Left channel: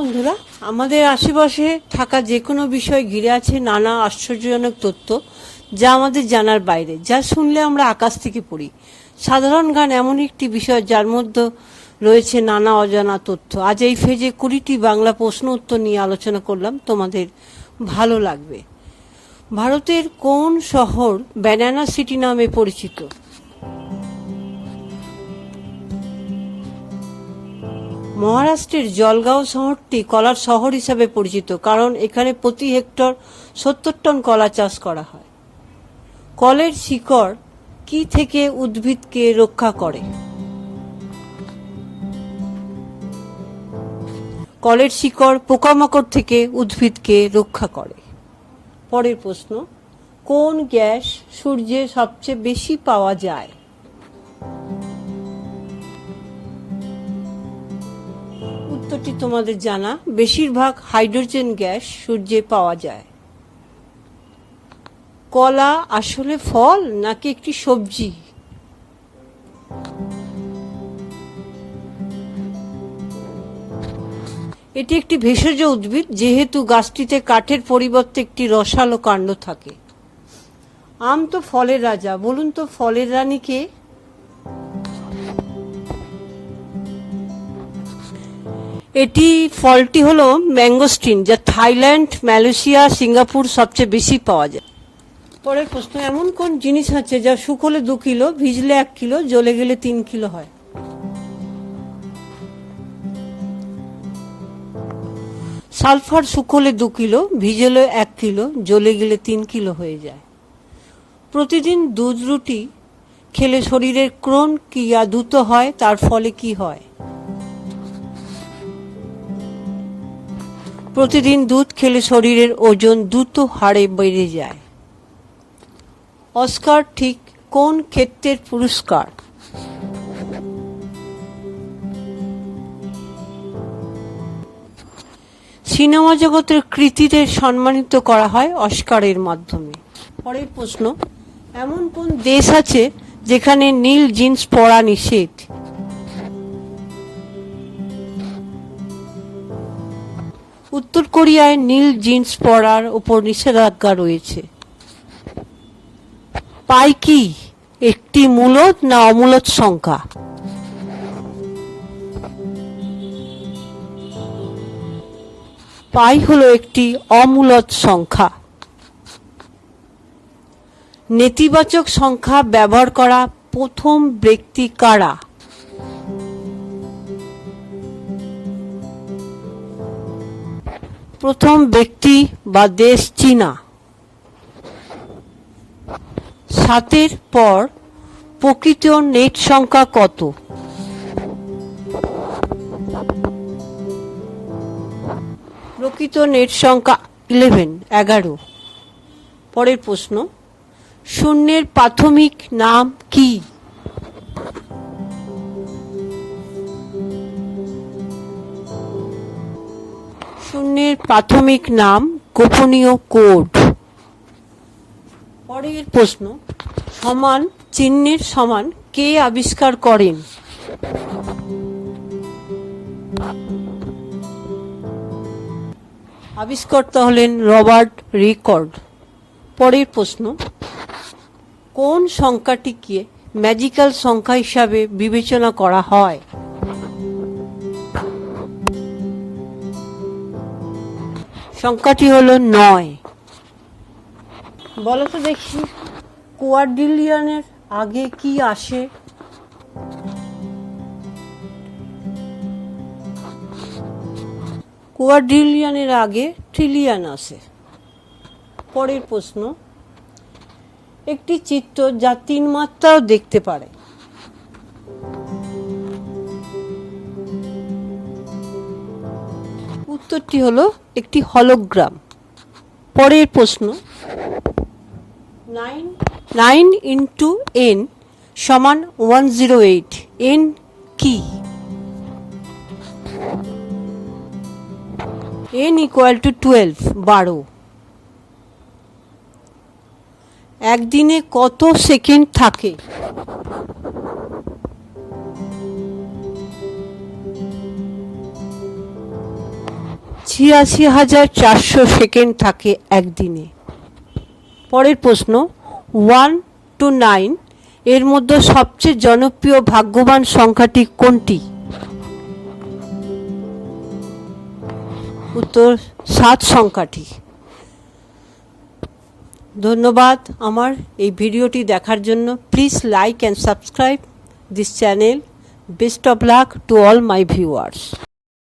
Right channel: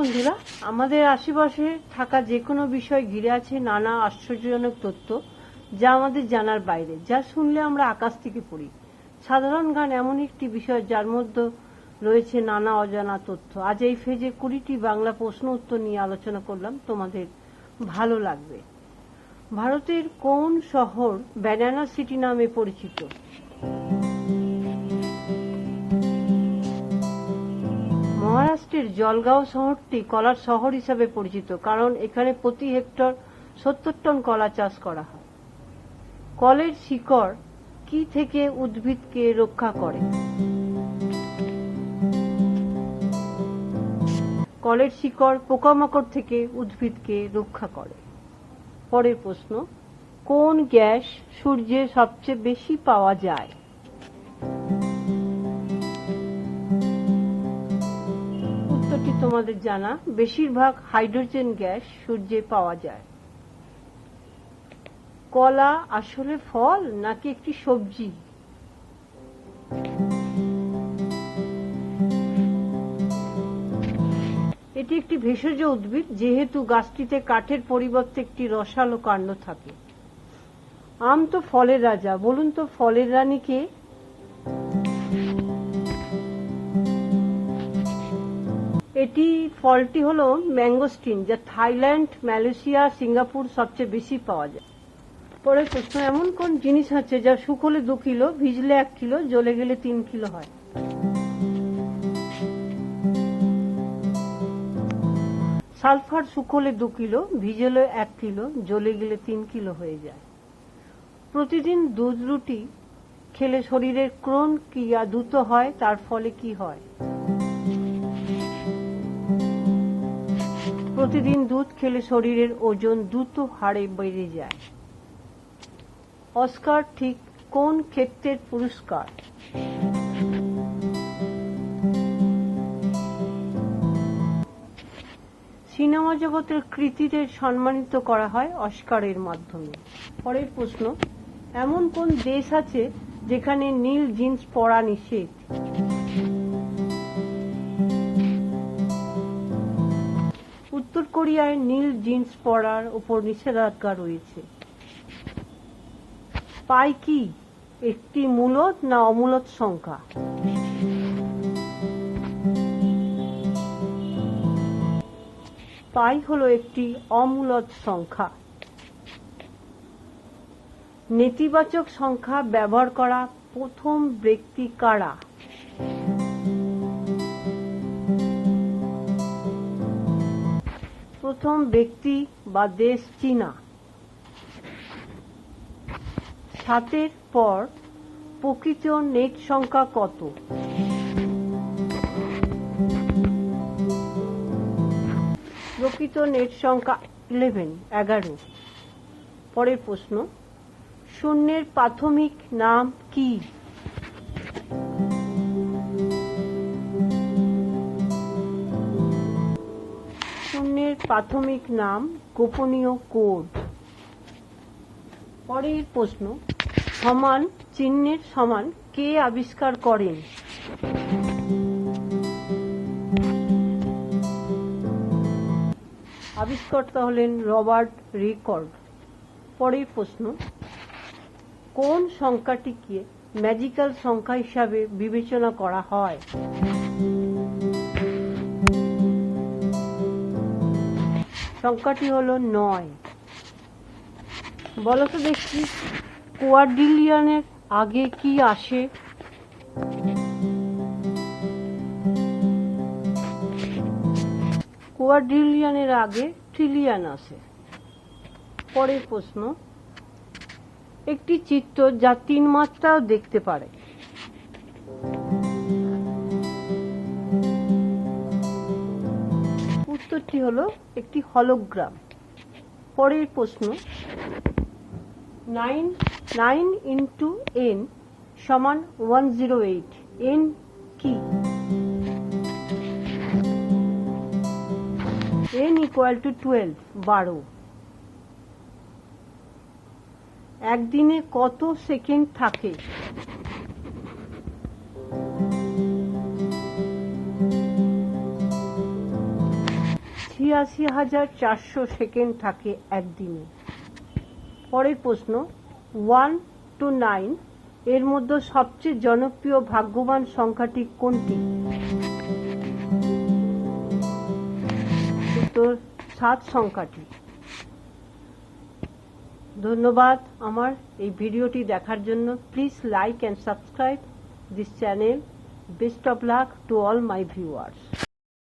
বন্ধুরা, আমাদের আশেপাশে থাকা যে কোনো বিষয় ঘিরে আছে নানা আশ্চর্যজনক তথ্য, যা আমাদের জানার বাইরে, যা শুনলে আমরা আকাশ থেকে পড়ি। সাধারণ জ্ঞান এমন একটি বিষয় যার মধ্যে রয়েছে নানা অজানা তথ্য। আজ এই ফেজে 20টি বাংলা প্রশ্ন উত্তর নিয়ে আলোচনা করলাম, তোমাদের ভালো লাগবে। ভারতের কোন শহর ব্যানানা সিটি নামে পরিচিত? মহারাষ্ট্রের জলগাঁও শহরটি কলার শহর হিসাবে পরিচিত, কারণ এখানে প্রতি হেক্টর 70 টন কলা চাষ করা হয়। কলের শিকড় কি থেকে উদ্ভিদকে রক্ষা করে? কলের শিকড় পোকামাকড় থেকে উদ্ভিদকে রক্ষা করে। পরের প্রশ্ন, কোন গ্যাস সূর্যে সবচেয়ে বেশি পাওয়া যায়? উত্তরটি তোমাদের জানা, বেশিরভাগ হাইড্রোজেন গ্যাস সূর্যে পাওয়া যায়। কলা আসলে ফল নাকি একটি সবজি? এটি একটি ভেষজ উদ্ভিদ, যেহেতু গাছটিতে কাঠের পরিবর্তে একটি রসালো কাণ্ড থাকে। আম তো ফলের রাজা, বলুন তো ফলের রানী কে? এটি ফলটি হলো ম্যাঙ্গোস্টিন, যা থাইল্যান্ড, মালয়েশিয়া, সিঙ্গাপুর সবচেয়ে বেশি পাওয়া যায়। পরের প্রশ্ন, এমন কোন জিনিস আছে যা শুকোলে 2 কিলো, ভিজলে 1 কিলো, জ্বলে গেলে 3 কিলো হয়? সালফার শুকোলে 2 কিলো, ভিজলে 1 কিলো, জ্বলে গেলে 3 কিলো হয়ে যায়। প্রতিদিন দুধ রুটি খেলে শরীরের ক্রোন ক্রিয়া দ্রুত হয়, তার ফলে কি হয়? প্রতিদিন দুধ খেলে শরীরের ওজন দ্রুত হারে বেড়ে যায়। অস্কার ঠিক কোন ক্ষেত্রের পুরস্কার? সিনেমা জগতের কৃতীদের সম্মানিত করা হয় অস্কারের মাধ্যমে। পরের প্রশ্ন, এমন কোন দেশ আছে যেখানে নীল জিন্স পরা নিষেধ? উত্তর কোরিয়ায় নীল জিন্স পরার উপর নিষেধাজ্ঞা রয়েছে। পাই কি একটি মূলদ না অমূলদ সংখ্যা? পাই হলো একটি অমূলদ সংখ্যা। নেতিবাচক সংখ্যা ব্যবহার করা প্রথম ব্যক্তি কারা? প্রথম ব্যক্তি বা দেশ চীনা। 7-এর পর প্রকৃত নেট সংখ্যা কত? প্রকৃত নেট সংখ্যা 11। পরের প্রশ্ন, শূন্যের প্রাথমিক নাম কি? শূন্যের প্রাথমিক নাম গোপনীয় কোড। পরের প্রশ্ন, সমান চিহ্নের সমান কে আবিষ্কার করেন? আবিষ্কর্তা হলেন রবার্ট রিকর্ড। পরের প্রশ্ন, কোন সংখ্যাটিকে ম্যাজিক্যাল সংখ্যা হিসাবে বিবেচনা করা হয়? সংখ্যাটি হলো 9। বলো তো দেখি, কোয়াড্রিলিয়নের আগে কি আসে? কোয়াড্রিলিয়নের আগে ট্রিলিয়ন আসে। পরের প্রশ্ন, একটি চিত্র যা 3 মাত্রাও দেখতে পারে। উত্তরটি হলো একটি হলোগ্রাম। পরের প্রশ্ন, 9 into n সমান 108, n কি? n equal to 12, 12। একদিনে কত সেকেন্ড থাকে? ৮৬,৪০০ সেকেন্ড থাকে একদিনে। পরের প্রশ্ন, 1 to 9 এর মধ্যে সবচেয়ে জনপ্রিয় ভাগ্যবান সংখ্যাটি কোনটি? উত্তর 7 সংখ্যাটি। ধন্যবাদ আমার এই ভিডিওটি দেখার জন্য। Please like and subscribe this channel. Best of luck to all my viewers.